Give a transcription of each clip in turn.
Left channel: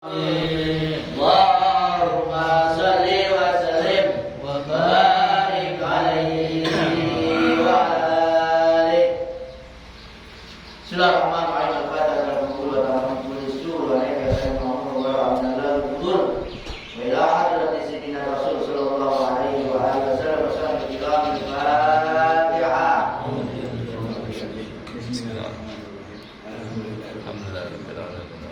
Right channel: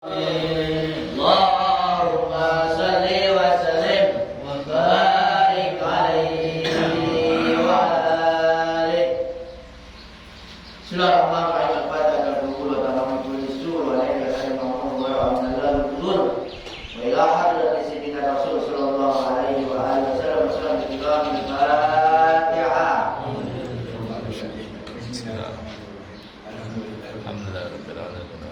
Allahumma salli wa sallim wa barik alaihi wa alihi. Bismillahirrahmanirrahim. Al-Fatihah wa rahmatullahi wa barakatuh. Wa ila hadratis sayyidina Rasul sallallahu alaihi wa alihi wasallam. Al-Fatihah. Alhamdulillah rabbil alamin.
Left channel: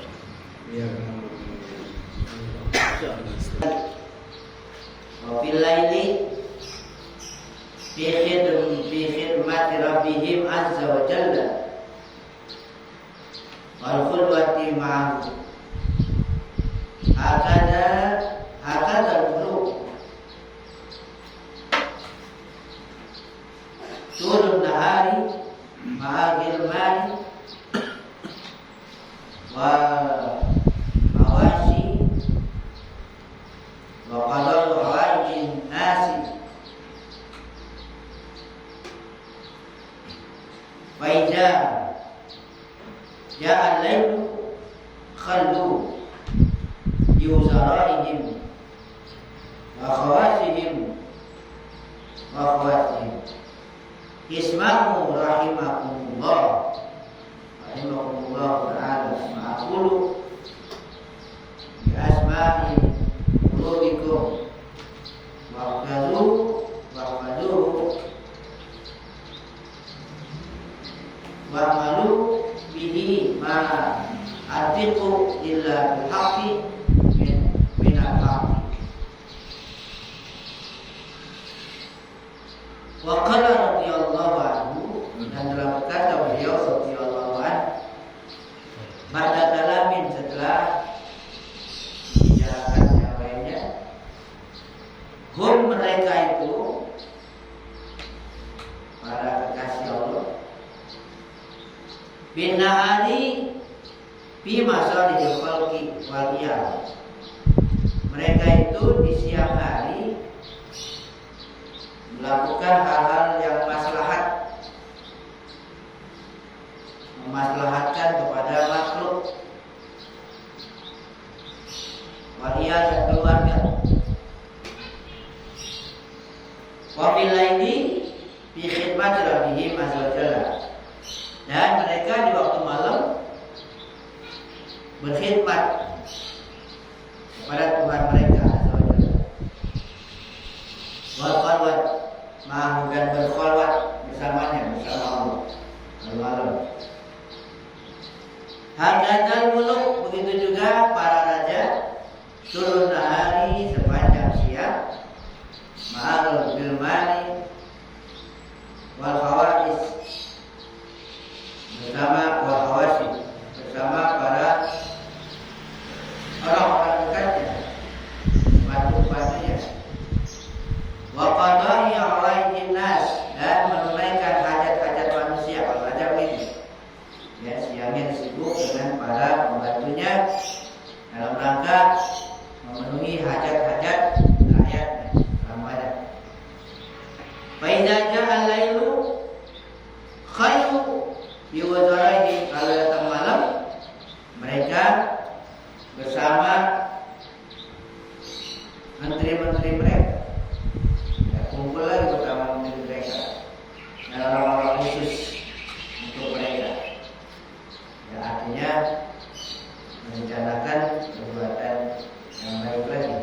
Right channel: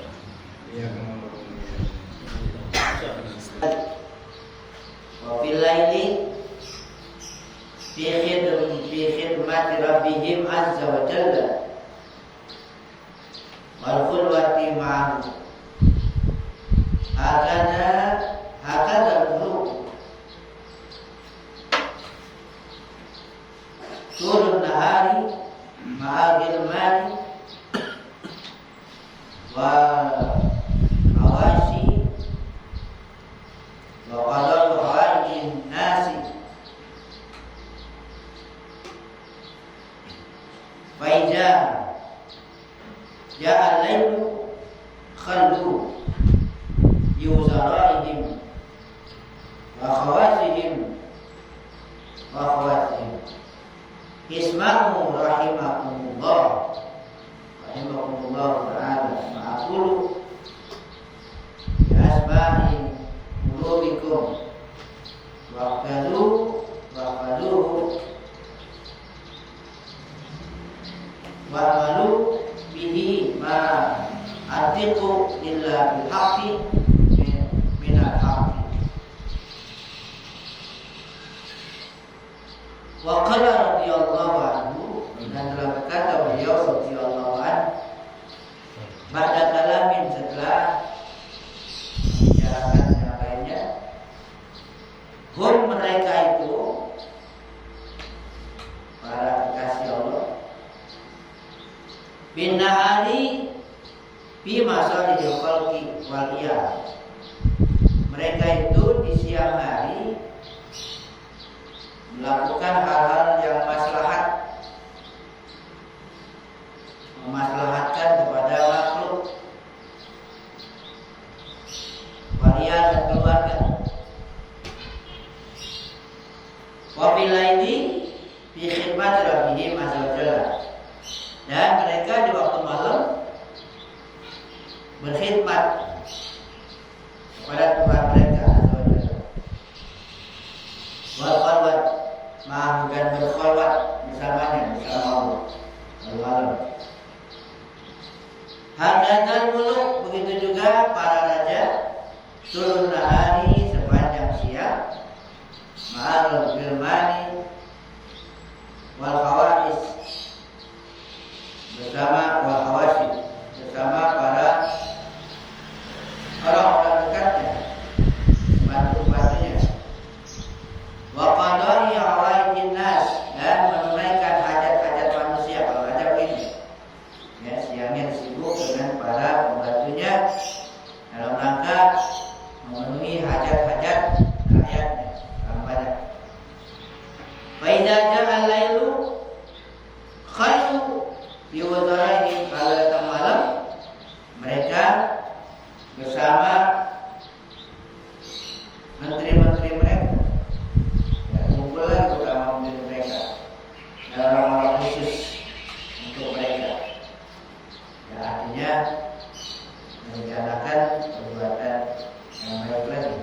Wafil laili fi khidmati rabbihim azza wa jalla wal khulwati ma'ahu hakada al-qulub turun nahari ma'agil mari wa awasi wa qadaru hawaijin nasi wa idza ja'a al-lailu khallu yuzaraihim wa khawasihim isma'u rahimakumullah ta'ala ma'akulu bi asma'i qulubikum wa'faduhu wa'malu bihi ma atiqu illa bil haqqi minal haqqi. Wa qala radhiyallahu anhu, dan telah berkata beliau radhiyallahu anhu ba'da kalamin, setelah bicarakan yang lainnya, hum, mereka itu para kekasih Allah, bin nahari fi masalihil khalqi wal iyad, mereka itu di siang hari melakukan hal-hal yang memaslahatkan kepada makhluk, walia dan keluarga. Wa fil laili fi khidmati rabbihim azza wa jalla, dan mereka di waktu malam berkhidmat kepada Tuhan mereka azza wa jalla. Wal khalwat ma'ahu, dan berkhalwat bersamanya, bersama Allah malam. Hakadzal muluk, begitu juga para raja, turun nahari, sepanjang siang, ma'al gilmani wal khawasis, bersama wal khawasis, bersama para orang-orang dekatnya, bantu-bantunya. Wa qada'i hawaijin nas, dan menunaikan hajat-hajat manusia. Kalau raja begini, ya, siangnya sibuk dengan para pembantunya dalam rangka memenuhi hajat-hajat rakyatnya dalam banyak. Fa idza ja'a al-lailu khayru bi wazaraihim, kalau datang malam mereka bersama menteri-menteri mereka, ya, kumpul lagi bersama menteri mereka dan orang-orang khusus untuk mereka, ya, artinya merencanakan perbuatan yang baik lagi.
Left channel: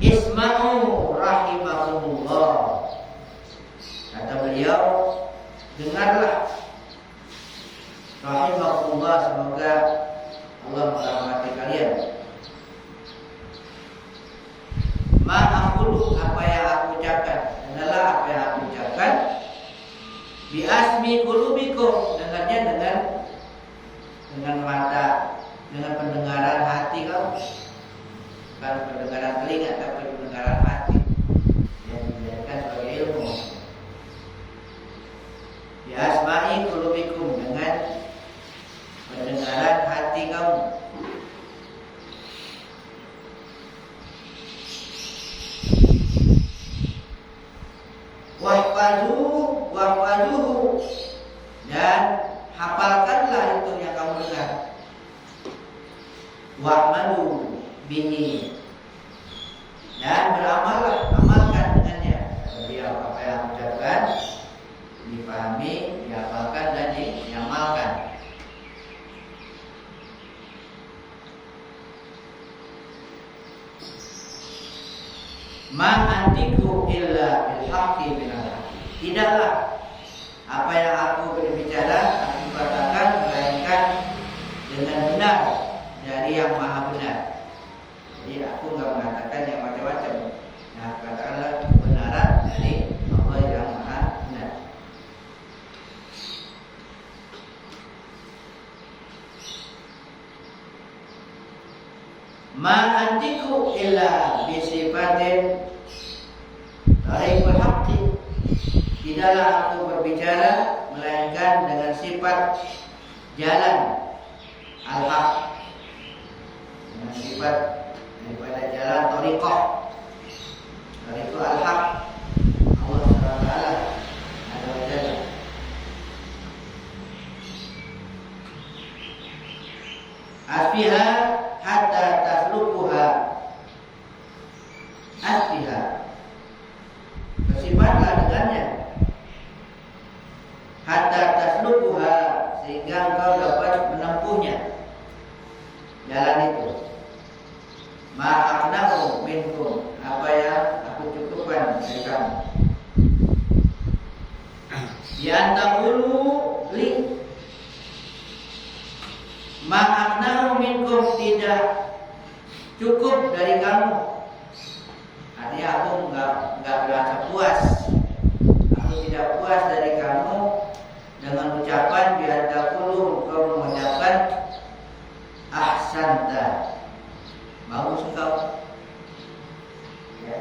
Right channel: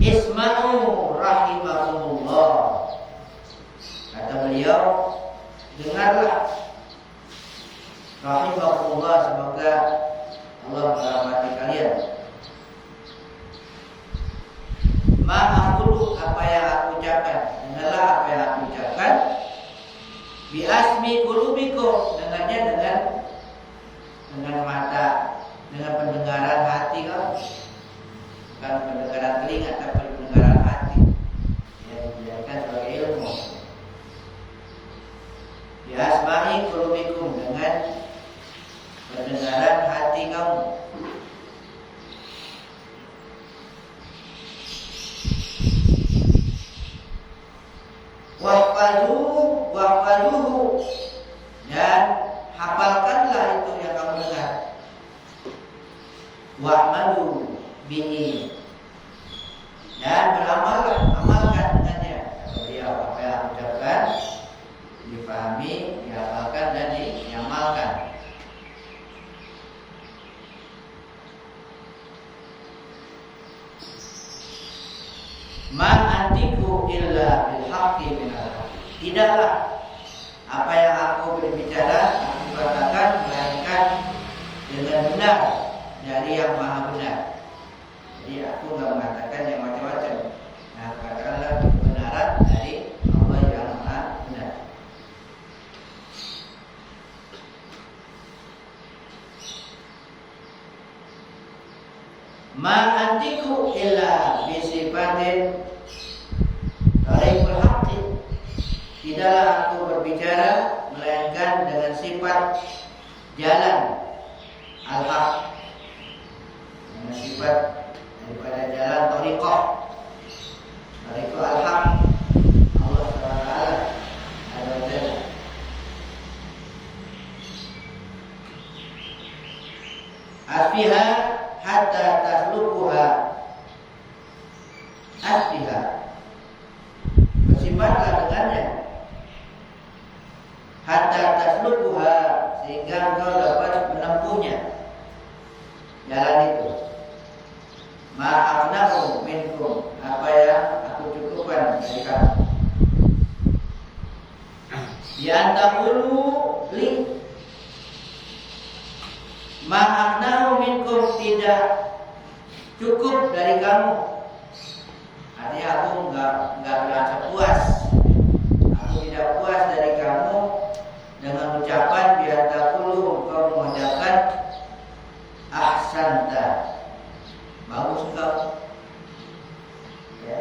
Isma'u rahimakumullah, kata beliau, dengarlah, rahimakumullah, semoga Allah merahmati kalian. Ma'akulu, apa yang aku ucapkan, dengarlah apa yang aku ucapkan. Bi asmi qulubikum, dengarnya dengan mata, dengan pendengaran hati kamu, bukan pendengaran telinga, tapi pendengaran hati yang dijadikan sebagai ilmu. Bi asma'i qulubikum, dengan pendengaran hati kamu. Wahfaduhu, dan hafalkanlah itu yang kamu dengar. wa'malu bihi, dan beramallah, amalkan dengannya. Beliau apa yang ucapkan dipahami, diamalkan dan diamalkan. Ma antiku illa bil haqqi minal haqqi. Tidaklah apa yang aku berbicara aku katakan melainkan dengan benar dari yang maha benar. Jadi aku enggak mengatakan yang macam-macam. Nah, katakanlah kebenaran dari Allah yang maha benar. Ma antiku illa bisifatin tariqul haqqi. Tidaklah aku berbicara melainkan dengan sifat jalan al-haq, dengan sifat daripada jalan tariqah al-haq Allah SWT azza wa jalla. Asfiha hatta taslukuha, asfiha, bersifatlah dengannya, hatta taslukuha, sehingga engkau dapat menempuhnya jalan itu. Ma'aqnahu minkum, apa yang aku cukupkan dari kamu. Di antaqulu li, ma'aqnahu minkum, tidak cukup dari kamu. Artinya aku enggak merasa puas. Aku tidak puas dari kamu dengan ucapan bi antaqulu, engkau mengucapkan ahsanta, bagus engkau. Ya.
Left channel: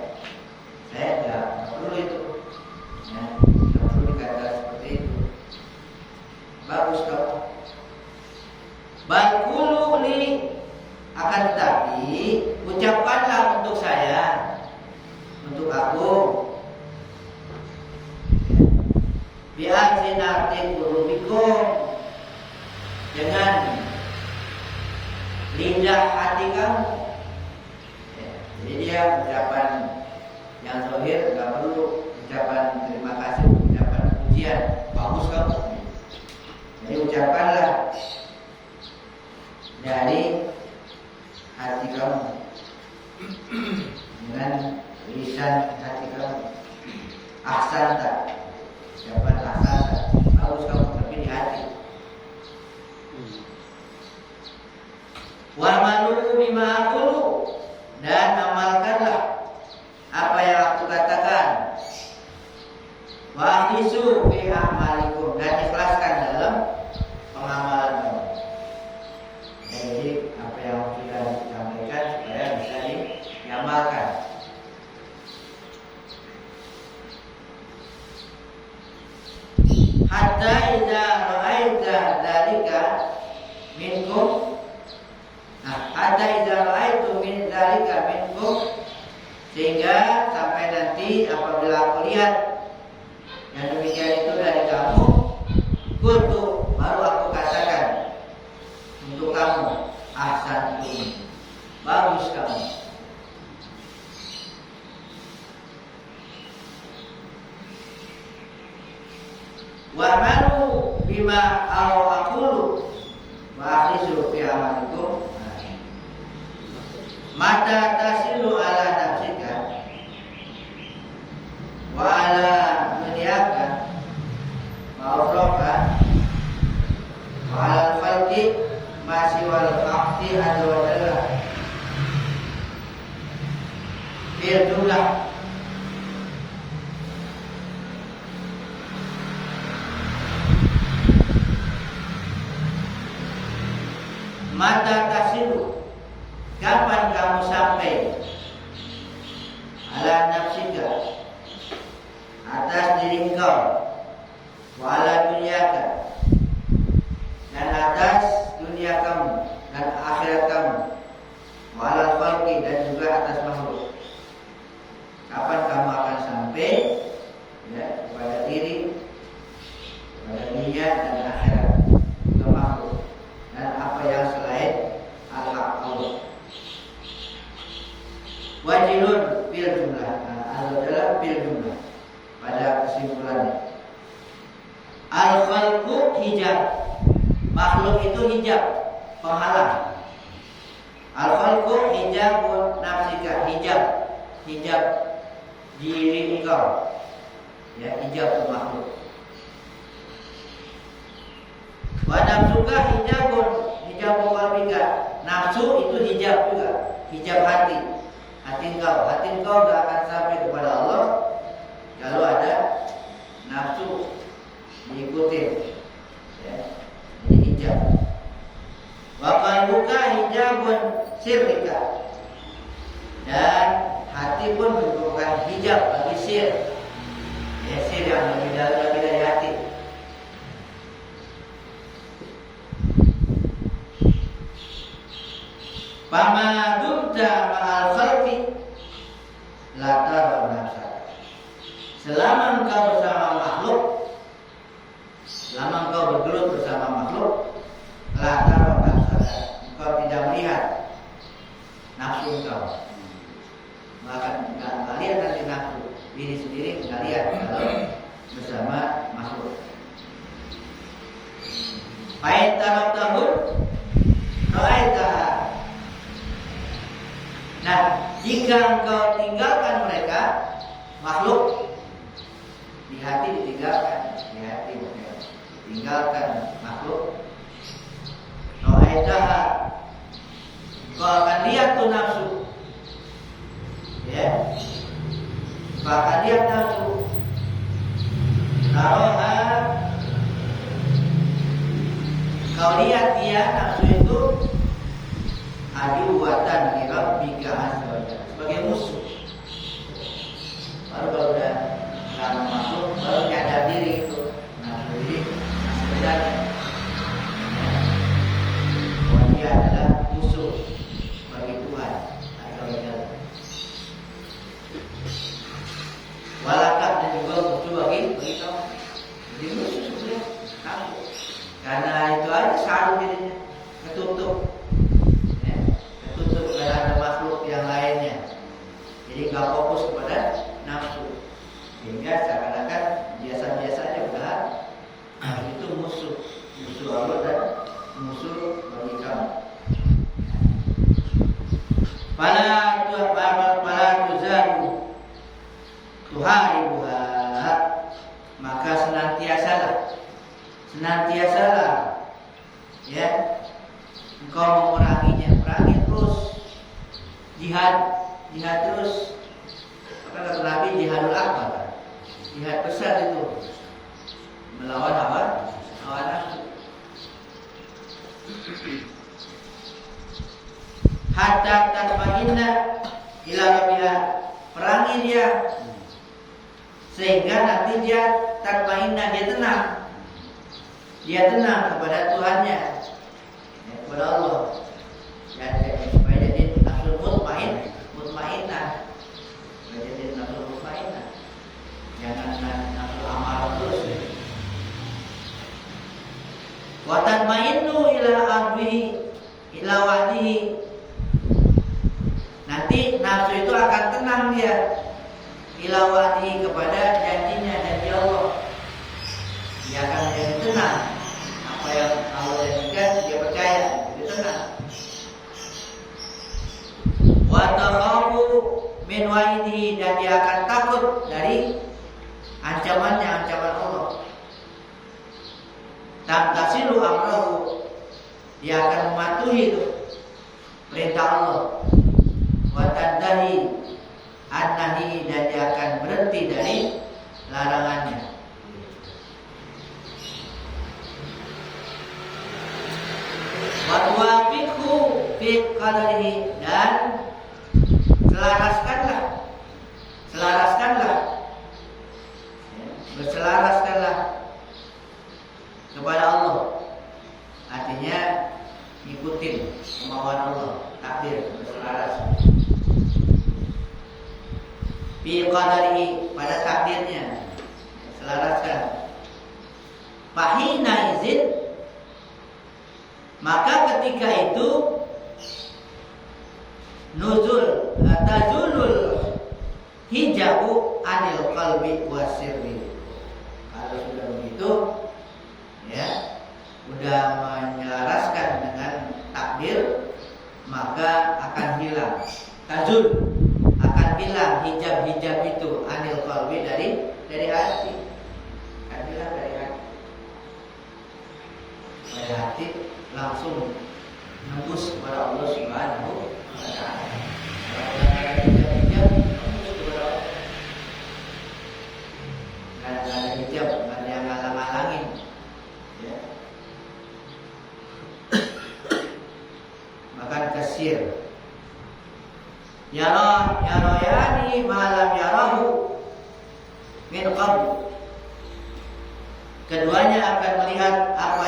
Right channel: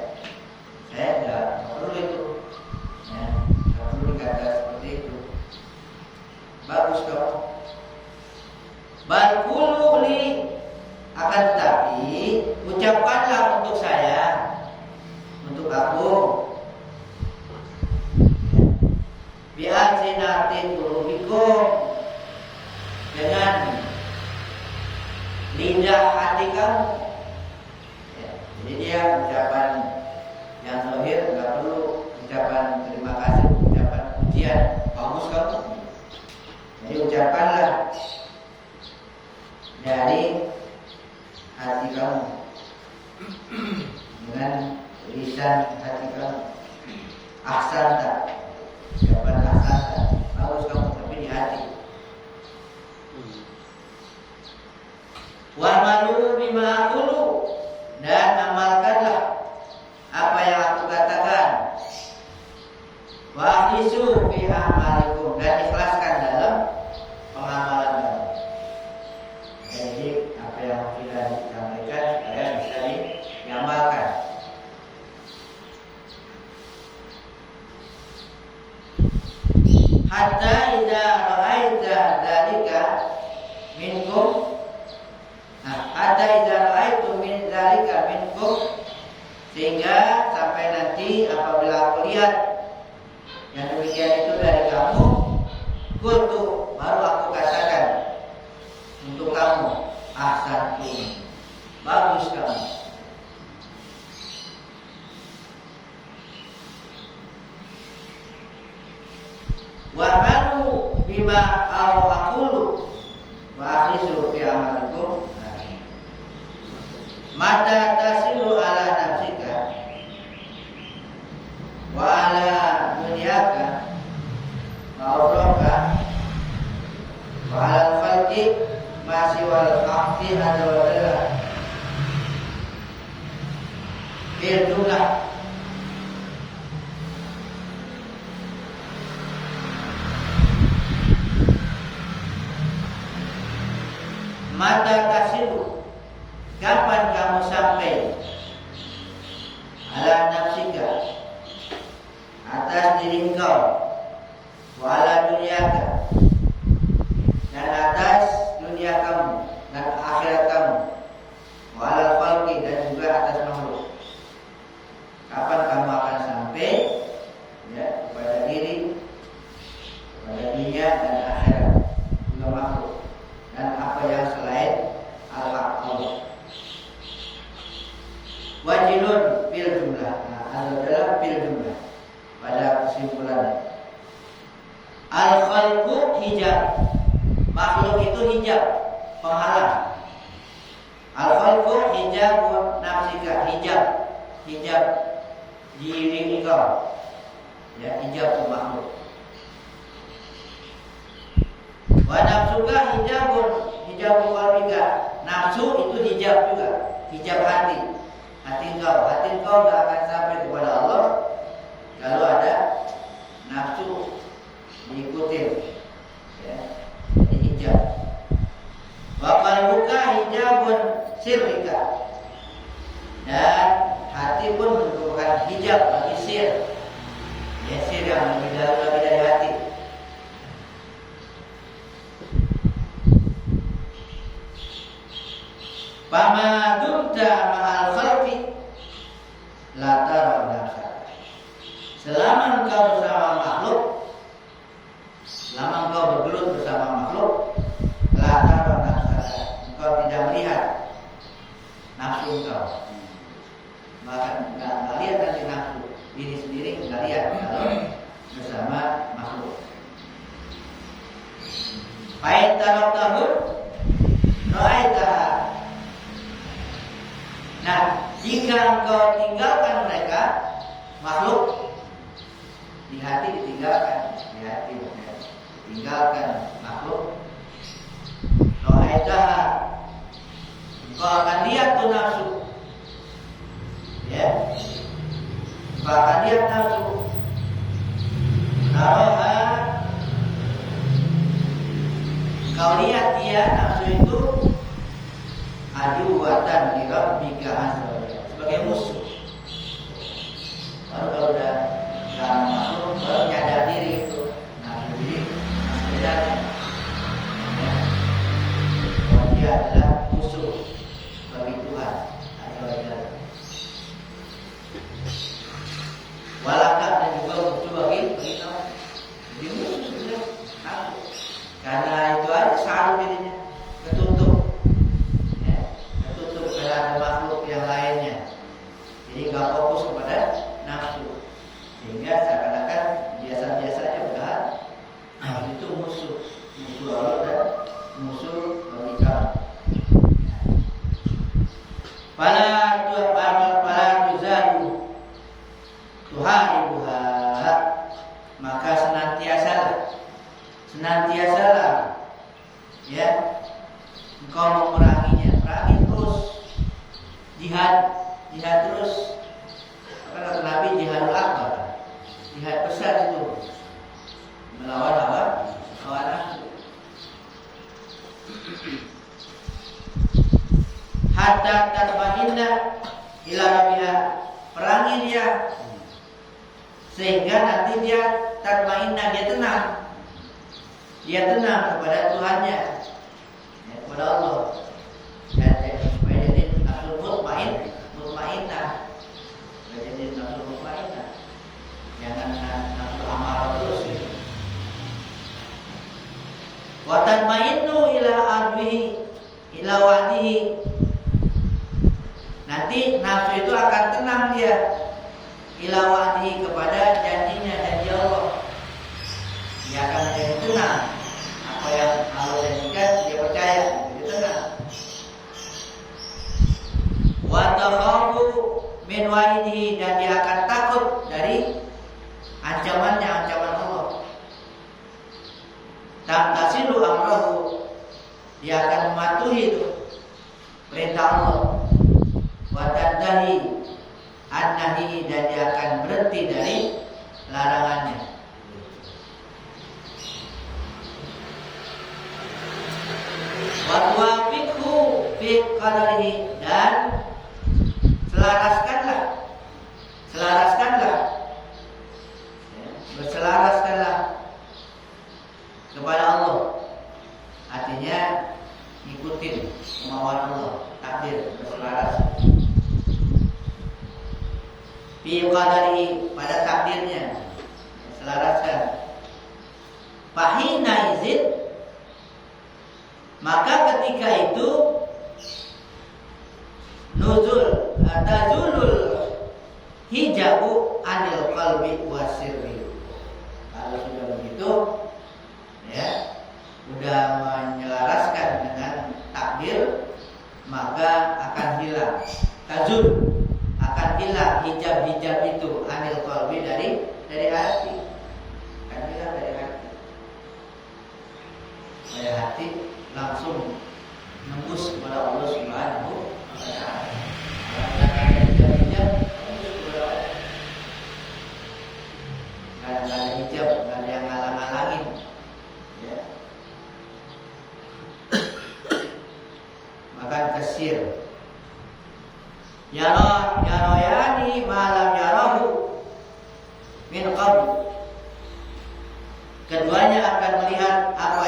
Saya enggak perlu itu. Ya, enggak perlu dikata seperti itu. Bagus kau. Balkulu li, akan tetapi ucapkanlah untuk saya, untuk aku. Bi'azinatin qulubikum, dengan lidah hati kamu. Ya, jadi dia ucapan yang zahir, nggak perlu ucapan terima kasih, ucapan pujian, bagus kamu. Jadi ucapkanlah dari hati kamu, dengan lisan hati kamu. Ahsanta, ucapan ahsanta, bagus kamu, tapi di hati. Wa malu bima aqulu, dan amalkanlah apa yang aku katakan. Wa akhlisu fi a'malikum, dan ikhlaskan dalam pengamalan kamu. Jadi apa yang sudah disampaikan supaya bisa diamalkan. Hatta idza ra'aita dzalika minkum, hatta idza ra'aitu min dzalika minkum, sehingga sampai nanti apabila aku lihat yang demikian itu dari kamu, qultu, baru aku katakan untuk kamu, ahsantum, bagus kamu. Wa malu bima aqulu wa akhlisu fi amalikum. Mata tasilu ala nafsika wa ala dunyaka wa uraka wa ala falki masih wal haqqi azza wa jalla bil jumlah. Mata tasilu, kapan kamu sampai, ala nafsika, atas diri engkau, wa ala dunyaka, dan atas dunia kamu dan akhirat kamu, wa ala khalqi, dan juga atas makhluk. Kapan kamu akan sampai, ya, kepada diri, kepada dunia dan akhirat, juga makhluk, dan apa yang selain al-haq Allah. wajilun fil jumlah. Adalah fil jumlah pada kesimpulannya. Al khalqu hijab. Makhluk itu hijab, penghalang. Al khalqu hijabun nafsika, hijab diri engkau. Ya, hijab makhluk. Wa nafsuka hijabun qalbika. Nafsu itu hijab juga, hijab hati. Hati engkau enggak akan sampai kepada Allah kalau ada nafsu diikutin. Ya, jadi hijab. Wa qalbuka hijabun sirrika. Dan hati pun merupakan hijab bagi sir. Ya, sir yang lebih dalam lagi dari hati. Fama dumta ma'al khalqi la tara nafsa. Selama engkau bersama makhluk, selama engkau bergelut bersama makhluk, la tara nafsa. Engkau tidak melihat nafsu engkau. Bahkan enggak lihat nanti nafsu diri sendiri, enggak lihat kalau bersama makhluk. Fa'in taraktahu ra'aitaha. Nah, jika engkau tinggalkan mereka, makhluk, di hati ditinggalkan, di hati bukan ditinggalkan makhluk. Ra'aitaha, engkau akan lihat tuh nafsu, ya, engkau akan lihat nafsu. Taroha, kau lihat dia nafsu itu aduwatan li rabbika azza wa jalla, sebagai musuh. Baru kalau udah dalam makhluk baru nyadar diri itu nafsu diri sebenarnya bahwa dia adalah musuh bagi Tuhan azza wa jalla. Walakah dan juga musuh bagi kamu. Jadi musuh sebenarnya nafsu. Karena itu aja selalu dirinya ketutup. Ada makhluk yang lainnya, jadi nggak fokus kepada nafsu, sehingga seakan-akan biasa-biasanya padahal itu musuh Allah dan musuh bagi kamu. Fala tuzadu tuharibuha, maka senantiasalah ya engkau menguranginya, perangi terus. Jihad terus. Maka kata Nabi jihadul akbar, jihad besar itu melawan hawa nafsu. Hatta tatma'inna ila rabbiha, perangi dia sehingga nanti dia tatma'inna, dia tenang kepada Tuhannya, ya, kepada Allah. Dan supaya jadi nafsu mutmainnah, supaya jadi nafsu mutmainnah, jangan nafsu amarah terus. Wa tatmainnu ila adwihi ila wadihi, nanti nafsu itu akan tenang dia ila wadihi, kepada janjinya, janji Allah. Dia akan menjadi tenang, apa yang Allah janjikan dia percaya, jadi tenang. Wa takhafu min wa'idihi, dan dia akan takut dari ancaman Allah. Tamtasilu amrahu, dia akan mematuhi itu perintah Allah. Wa tadahi an-nahi, dan dia akan berhenti dari larangannya. Wa tuwafiqhu fi qadarihi, dan berselaraskanlah kepada Allah. Artinya ikutin kemauan Allah, takdir, berselaras. Fi qadarihi, pada takdirnya, selaraskan. Fahina izin, maka ketika itu tazulul hijabu anil qalbi wasirri. Kalau sudah begitu, ya, sudah menyelaraskan dengan takdir, maka akan hilang tazul, akan hilang hijab-hijab itu anil qalbi dari hati, akan hilang dari hati. Dari hati langsung nembus kepada Allah Subhanahu wa taala. Hijab nembus kepada Allah. Enggak ada hijab, enggak ada yang ngalang-ngalangin. Ya. Makan kasir. Yarayani malam yarahu min qabl. Keduanya akan melihat apa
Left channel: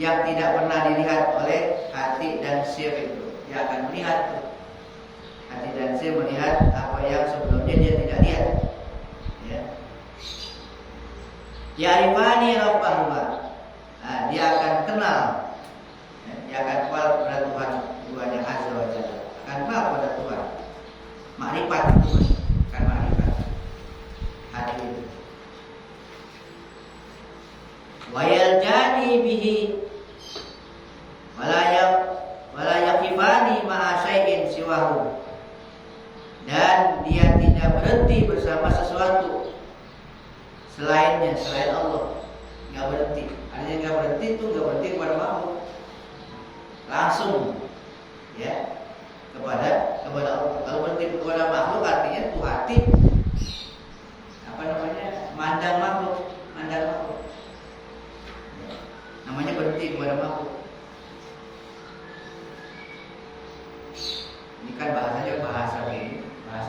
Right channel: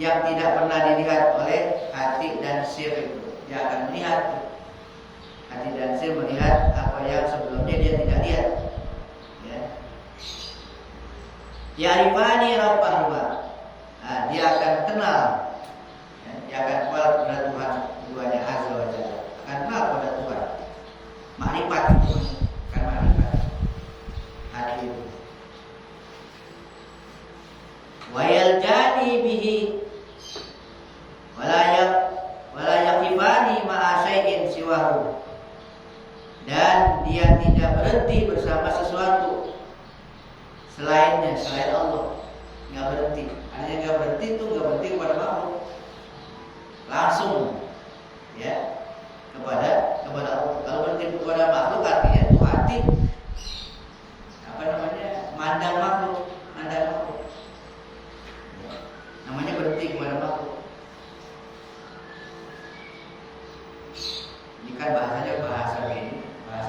yang tidak pernah dilihat oleh hati dan sir itu. Dia akan melihat tuh. Hati dan sir melihat apa yang sebelumnya dia tidak lihat. Ya. Ya'rifani rabbahuma. Nah, dia akan kenal. Ya, dia akan kenal kepada Tuhan duanya azza wa jalla. Akan kenal kepada Tuhan. Makrifat itu kan makrifat. Hati itu. Wa yaljani bihi wala yaqifani ma'a syai'in siwahu. Dan dia tidak berhenti bersama sesuatu selainnya, selain Allah. Enggak berhenti. Artinya enggak berhenti itu enggak berhenti kepada makhluk. Langsung ya kepada Allah. Kalau berhenti kepada makhluk artinya itu hati mandang makhluk. Namanya berhenti kepada makhluk. Ini kan bahasanya bahasa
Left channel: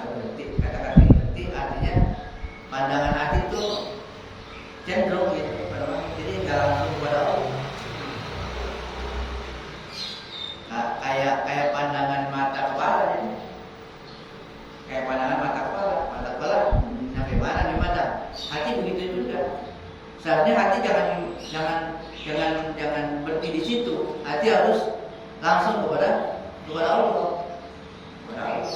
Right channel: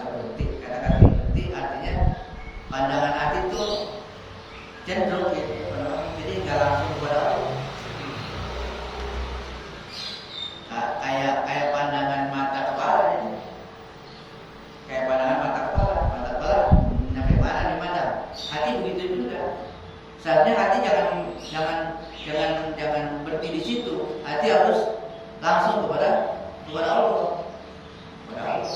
berhenti. Kata-kata berhenti artinya pandangan hati itu cenderung gitu kepada makhluk. Jadi nggak langsung kepada Allah. Kayak pandangan mata kepala jadi. Kayak pandangan mata kepala sampai mana dimandang. Hati begitu juga. Seharusnya hati jangan berhenti di situ. Hati harus langsung kepada Allah. Kepada Allah.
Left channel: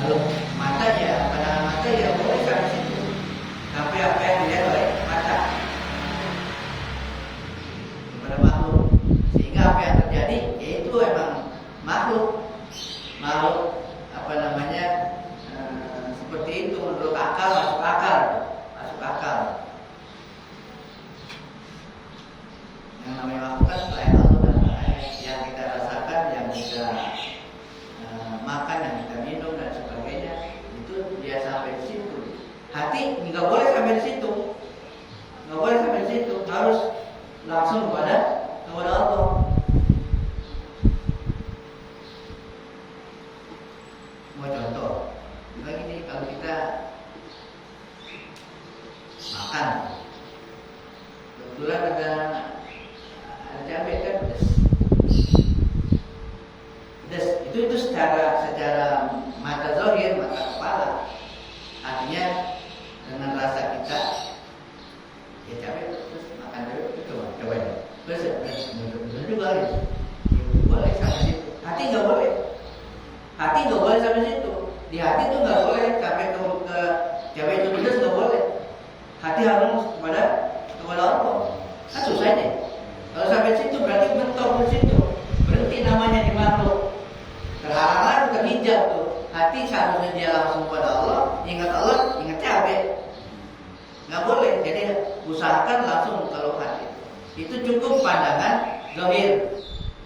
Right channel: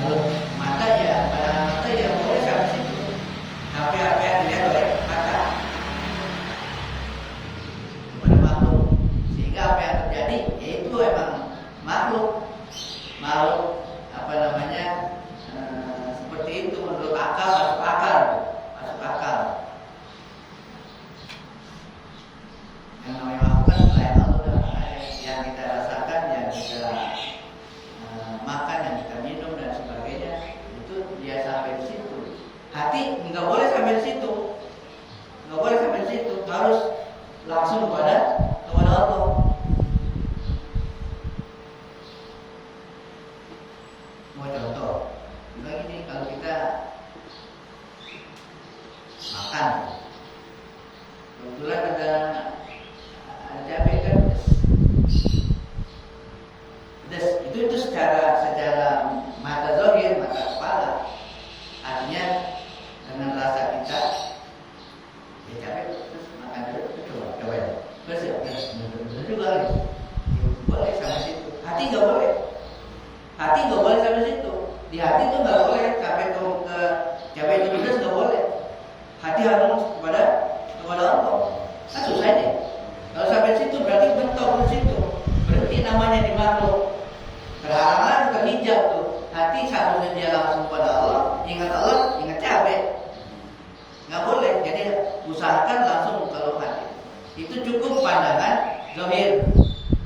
Kalau mata ya, pandangan mata ya boleh sampai situ. Sampai apa yang dilihat oleh mata kepada makhluk. Sehingga apa yang terjadi yaitu emang makhluk seperti itu menurut akal, masuk akal. Yang namanya makhluk kan selain Allah dan makanya yang kita rasakan, yang kita makan, yang kita minum dan sebagainya itu dia sampai di situ. Hati nggak boleh sampai di situ, harus langsung kepada Allah. Mau contoh, gini kalau kita makan, kebetulan ada cabai kan pedas, itu secara mata zahir, mata kepala, artinya dengan rasa kita, ya cabai terus makan dulu, coba terus benar juga gitu, boleh sampai situ. Hati nggak boleh sampai situ. Di hati itu nggak boleh sampai ke cabai itu pedas, nggak boleh. Hati harus kepada Allah. Kan susah deh. Kalau sampai situ berarti bentok di situ. Berhenti namanya di makhluk. Terhalang lagi, terhijab tuh. Hati seharusnya dia langsung kepada Allah, ingat cabai. Nggak boleh. Jadi usahakan langsung kalau hati. Itu cukup pandangan zahir.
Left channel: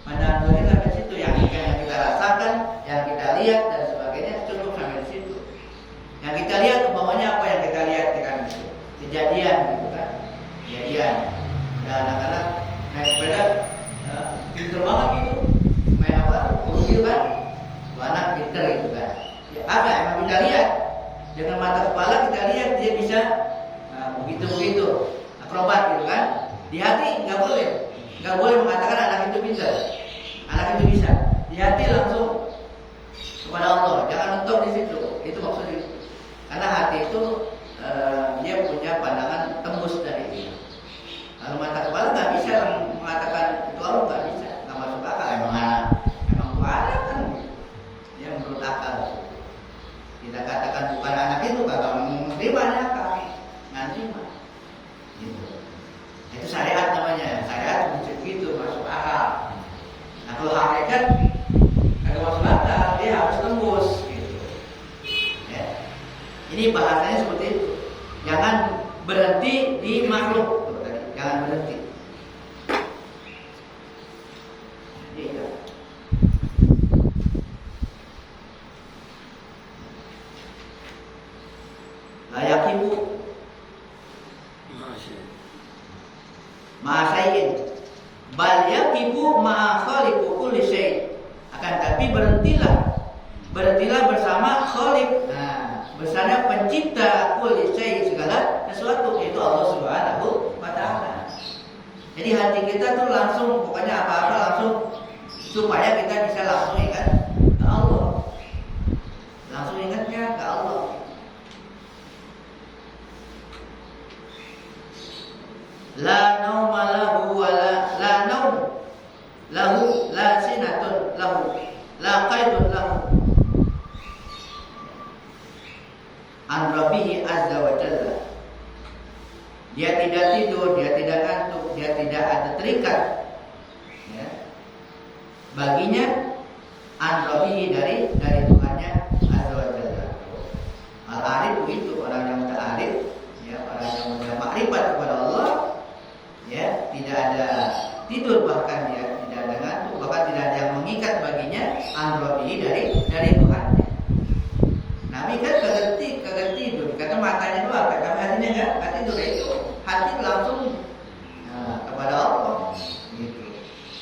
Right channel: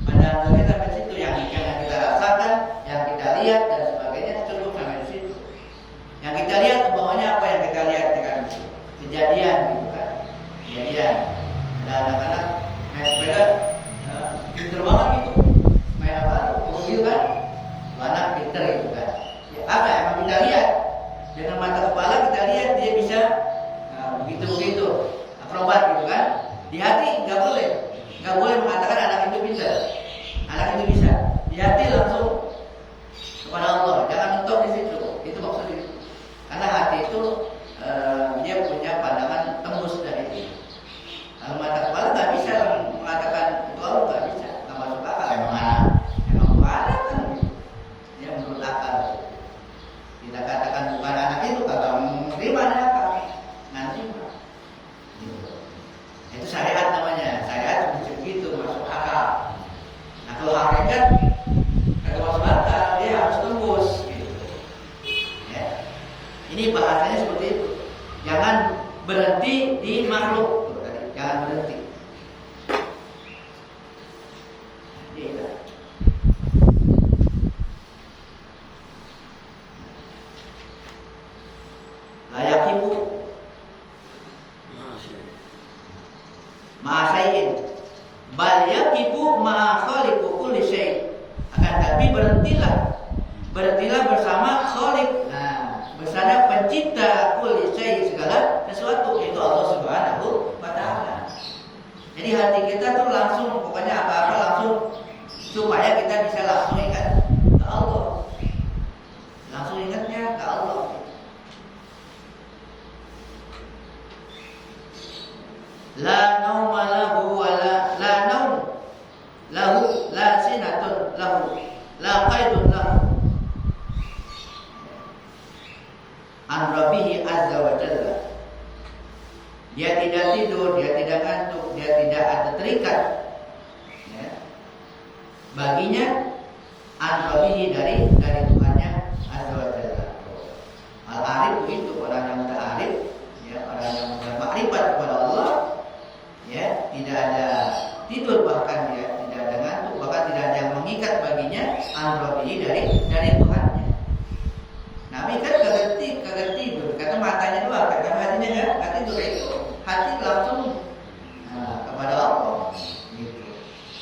Pandangan zahir sampai situ, yang kita rasakan, yang kita lihat dan sebagainya cukup sampai di situ. Yang kita lihat umpamanya apa yang kita lihat dengan kejadian gitu kan. Ada anak-anak naik sepeda pinter banget gitu. Main apa? Mobil kan. Anak pinter gitu kan. Ya, apa emang kita lihat dengan mata kepala, kita lihat dia bisa begitu akrobat gitu kan. Di hati nggak boleh mengatakan anak itu pintar, anak itu bisa. Di hati langsung kepada Allah, jangan mentok di situ. Itu maksudnya. Karena hati itu dia punya pandangan bahasanya seperti itu. Jangan berhenti di makhluk. Tuh, tadi jangan berhenti. Iya. Layak ibu ma'asayin bal yaqibu ma'a khaliqu kulli syai'. Akan tapi berhentilah bersama khaliq. Nah, bersama pencipta kulli syai', segala sesuatu, yaitu Allah Subhanahu wa taala. Jadi hati kita tuh langsung, pokoknya apa-apa langsung, supaya kita bisa langsung ingat ke Allah. Langsung ingatnya ke Allah. La nauma lahu wa la naum lahu la sinatun lahu la qaidun lahu an rabbihi azza wa jalla. Dia tidak tidur, dia tidak ngantuk, dia tidak ada terikat, ya, baginya an rabbihi dari Tuhannya azza wa jalla. Al arif begitu, orang yang udah arif, ya, orang yang udah makrifat kepada Allah, ya, tidak ada tidur, bahkan dia tidak ada ngantuk, bahkan tidak ada yang mengikat baginya androbi dari Tuhannya. Nabi kan kagak tidur, kata matanya doang, kata hatinya enggak tidur, itu hati langsung kepada Allah gitu.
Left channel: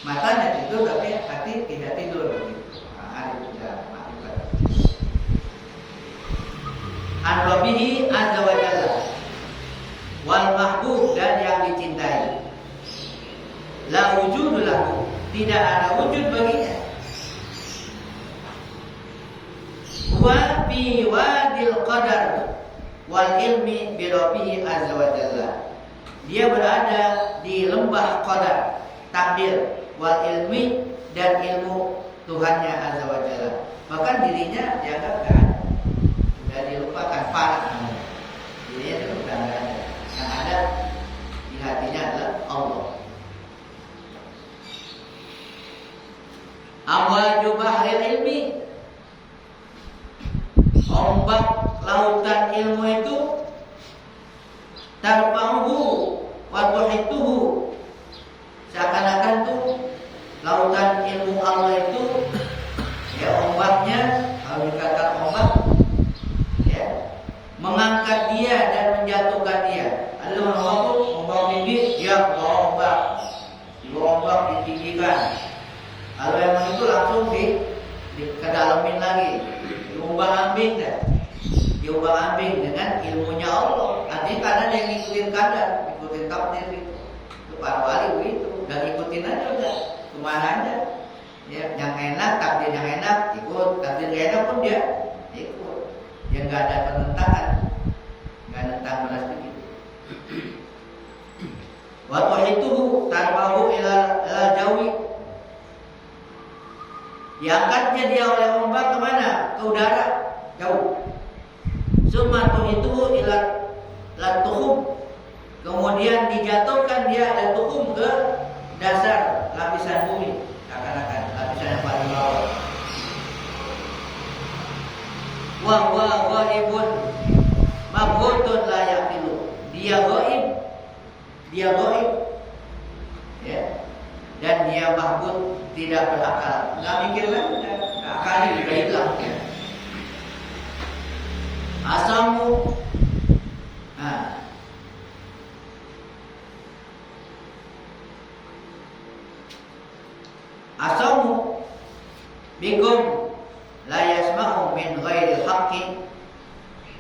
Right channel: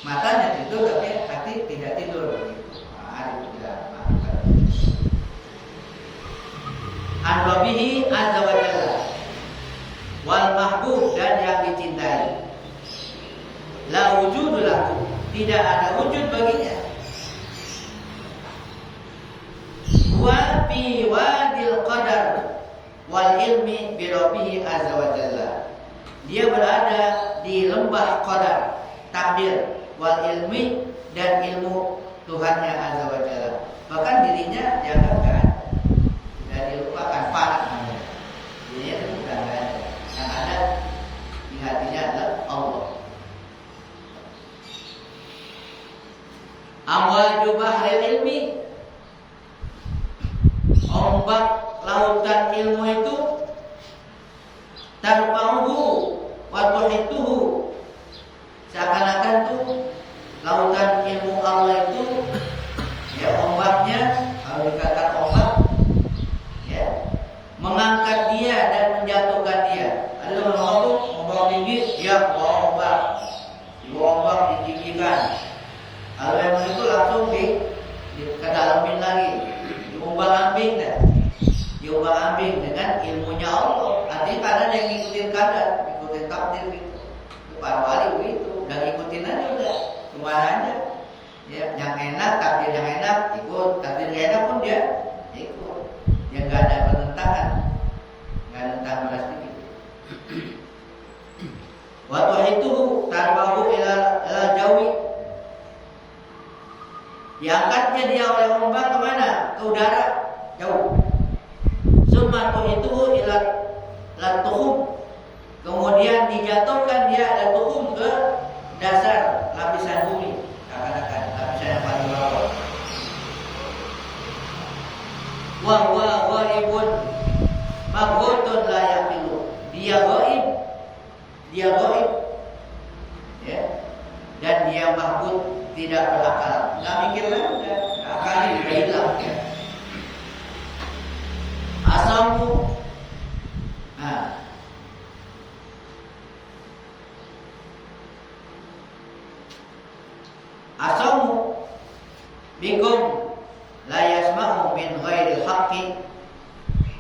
Matanya tidur tapi hati tidak tidur gitu. Arif tidak makrifat. Androbihi azza wa jalla wal mahbub, dan yang dicintai. La wujudu lahu, tidak ada wujud baginya. Wa fi wadil qadar wal ilmi bi rabbih azza wa jalla. Dia berada di lembah qadar, takdir, wal ilmi, dan ilmu Tuhannya azza wa jalla. Bahkan dirinya dianggap enggak ada, sudah dilupakan, fana namanya. Dirinya sudah enggak ada. Yang ada di hatinya adalah Allah. Amwaju bahril ilmi, ombak lautan ilmu itu, tarfa'uhu wa tuhituhu, seakan-akan tuh lautan ilmu Allah itu, ya, ombaknya, kalau dikatakan ombak, ya, mengangkat dia dan menjatuhkan dia. Ada ombak tuh, ombak tinggi, dia bawa ombak, ombak ditinggikan. Kalau emang itu langsung kedalamin lagi, diombang-ambing deh, diombang-ambing dengan ilmunya Allah. Artinya kadang yang ngikutin kadar, ngikutin takdir gitu. Itu para wali begitu, udah ngikutin aja udah, kemana aja. Ya, yang enak, takdir yang enak ikut, takdir yang enak pun dia ikut. Dia nggak ada penentangan, nggak nentang beras dikit. Waktu itu tarwahu ilal jawi, diangkatnya dia oleh ombak kemana? Ke udara, jauh. Sumatu itu ilat tuhum, kemudian dijatuhkan dia ilat tuhum ke dasar lapisan bumi, akan-akan lapisan yang paling bawah. Wa ghaibun mabghutun la yaqilu, dia gaib, ya, dan dia mahbud, tidak berakal, nggak mikir lagi, akalnya juga hilang. Asamu, asamu bikum la yasma'u min ghairil haqqi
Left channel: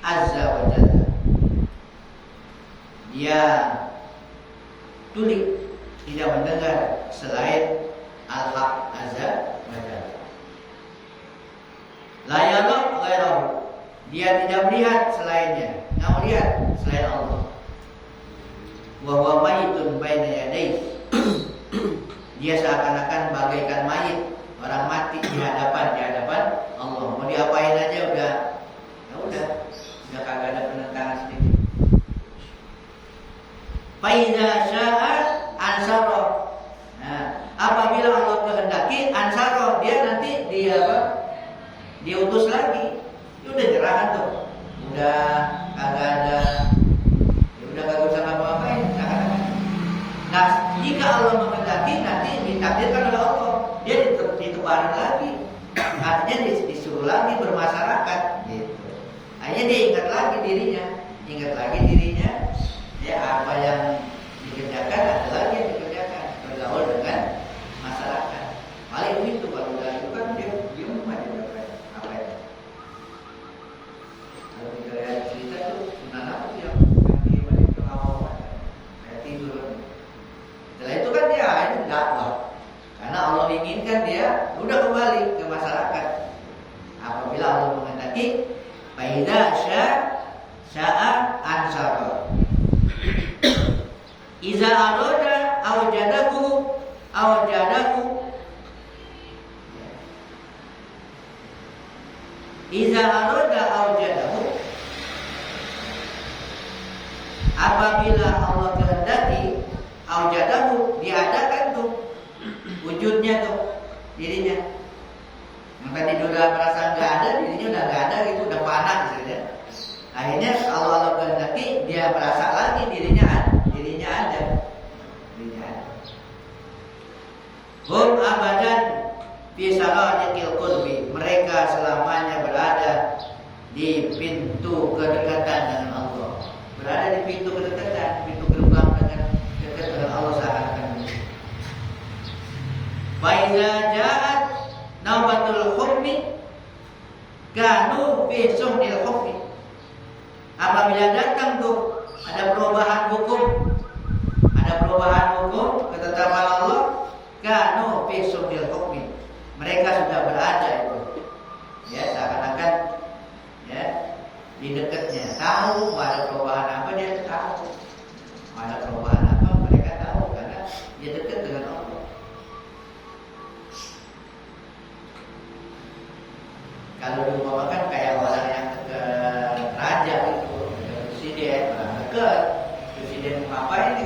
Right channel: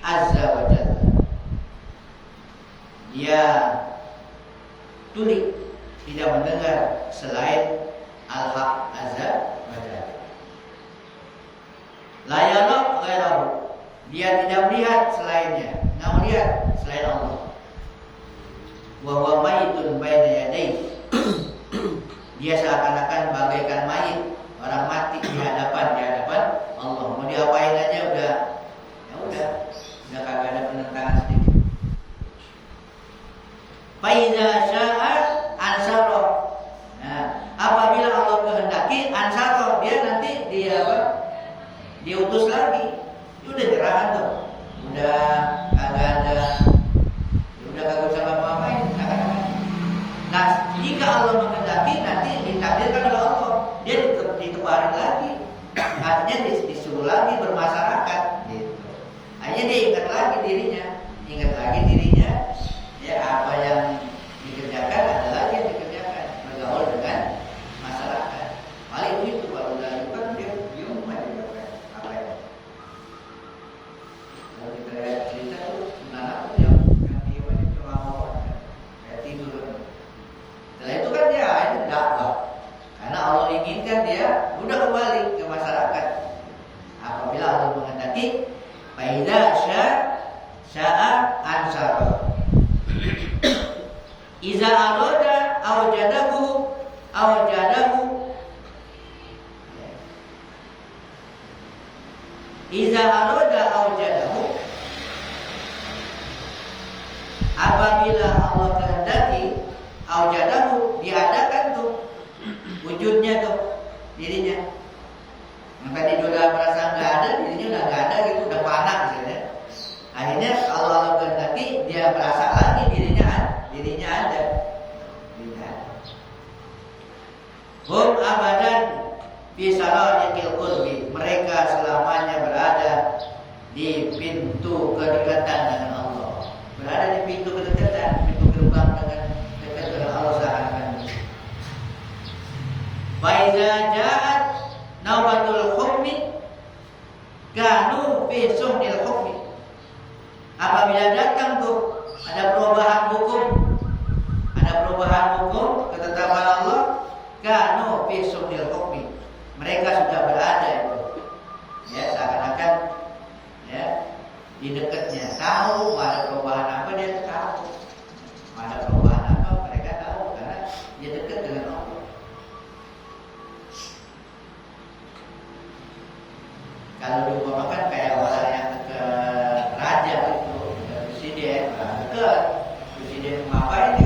azza wa jalla. Dia tuli, tidak mendengar selain Al-Haq azza wa jalla. La yara ghairahu, dia tidak melihat selainnya, nggak melihat selain Allah. Wa huwa mayitun baina yadayhi, dia seakan-akan bagaikan mayit, orang mati di hadapan Allah. Mau diapain aja udah kagak ada penentangan sedikit. Fa iza syaa ansara, nah, apabila Allah kehendaki ansara, dia nanti dia utus lagi. Dia udah nyerah tuh, udah Allah menghendaki nanti ditakdirkan oleh Allah, dia ditebarin lagi, artinya disuruh lagi bermasyarakat gitu. Akhirnya dia ingat lagi dirinya, ya apa yang dikerjakan ada lagi yang dikerjakan, bergaul dengan masyarakat. Paling itu kalau udah itu kan dia aja apa ya. Kalau kita lihat cerita tuh Sunan apa tuh yang dia balik ke awal kayak tidur. Setelah itu kan dia itu dakwah. Karena Allah inginkan dia udah kembali ke masyarakat. Apabila Allah menghendaki, faidza sya'a ansara. Iza arada awjadahu. Iza arada awjadahu. Apabila Allah kehendaki, awjadahu, diadakan tuh wujudnya tuh dirinya. Yang tadi udah merasa nggak ada, dirinya udah nggak ada gitu, udah panas misalnya. Akhirnya kalau Allah kehendaki, dia merasa lagi dirinya ada. Hum abadan fi saradiqil qurbi. Mereka selamanya berada di pintu kedekatan dengan Allah. Berada di pintu kedekatan, pintu gerbang dengan dekat dengan Allah seakan-akan. Fa iza ja'at naubatul hukmi kanu fi suhnil hukmi. Apabila datang tuh ada perubahan hukum, ketetapan Allah, kanu fi suhnil hukmi. Mereka sudah berada itu, ya seakan-akan ya di dekatnya. Tahu ada perubahan apa, dia tahu. Ada perubahan apa mereka tahu karena dia dekat dengan Allah. Kalau diumpamakan kayak orang yang dekat raja itu, dekat presiden, orang dekat presiden mau ngapain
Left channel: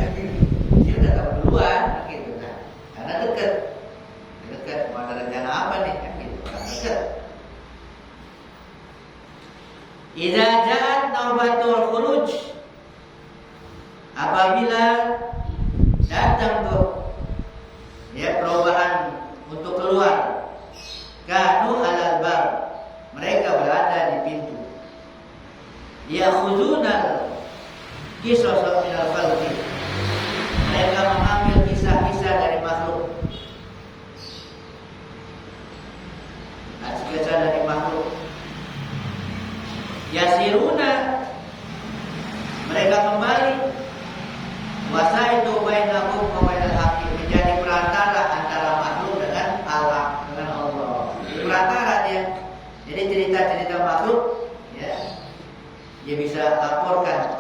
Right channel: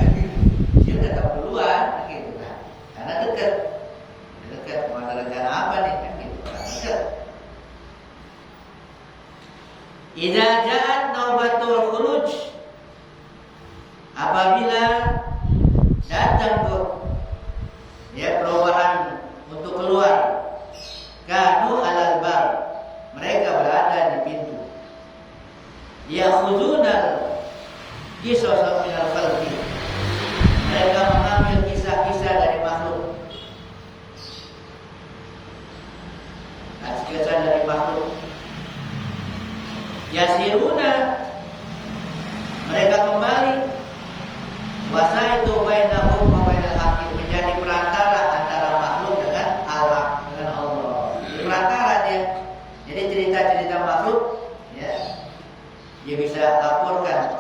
dia udah tahu duluan gitu kan. Karena dekat mau ada rencana apa nih kan gitu, orang dekat. Idza ja'at naubatul khuruj. Apabila datang tuh ya perubahan untuk keluar, kanu alal bab. Mereka berada di pintu. Yakhuzunal qisas minal khalqi. Mereka mengambil kisah-kisah dari makhluk. Kisah dari makhluk. Yasiruna, mereka kembali. Wasa itu bainahum wa bainal haqqi, menjadi perantara antara makhluk dengan Allah, dengan Allah. Di perantara dia. Jadi cerita-cerita makhluk ya dia bisa laporkan.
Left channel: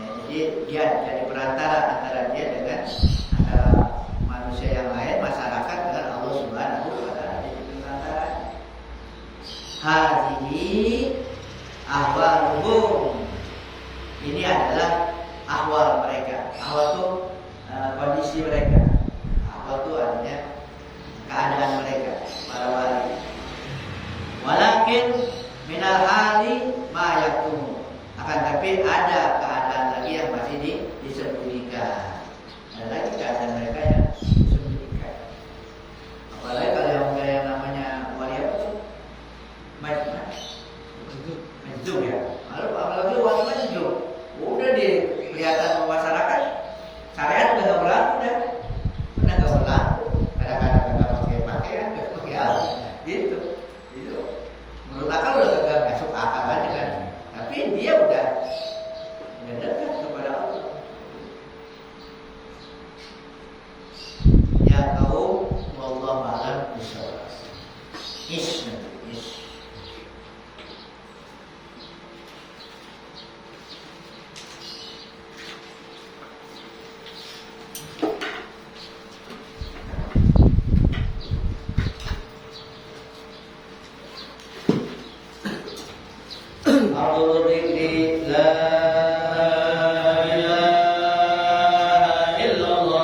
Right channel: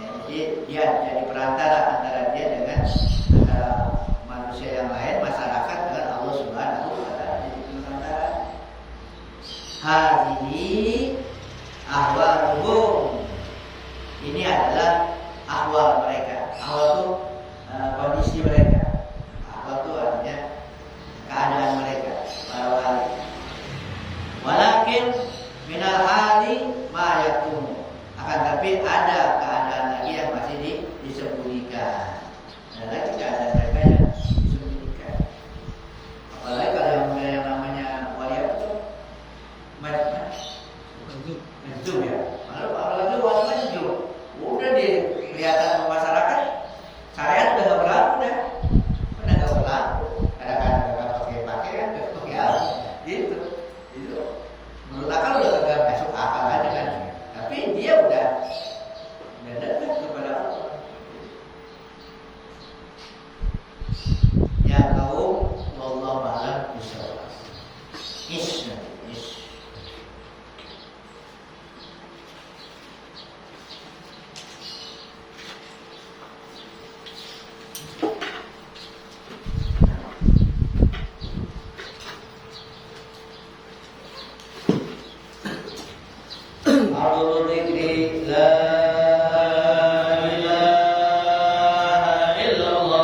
Ya, jadi dia jadi perantara antara dia dengan antara manusia yang lain, masyarakat dengan Allah Subhanahu wa taala, jadi perantara. Hadhihi ahwaluhum. Ini adalah ahwal mereka. Ahwal itu kondisi mereka. Ahwal itu artinya keadaan mereka, para wali. Walakin minal hali ma yaktumu. Akan tapi ada keadaan lagi yang masih disembunyikan. Ada lagi keadaan mereka yang disembunyikan. Apalagi kalau yang namanya wali apa tuh? Majnun ya. Lalu apalagi wali majnun. Udah kelihatan sama masyarakat, syariat udah nggak berlaku dah. Udah nggak berlaku. Kadang-kadang nggak pakai pakaian, nggak pakai apa. Gitu. Itu menurut akal udah kagak masuk akal aja kan. Tapi dia udah dekat kepada Allah. Ya kaum, wallahu a'lam bishawab. Ish. A'udzu billahi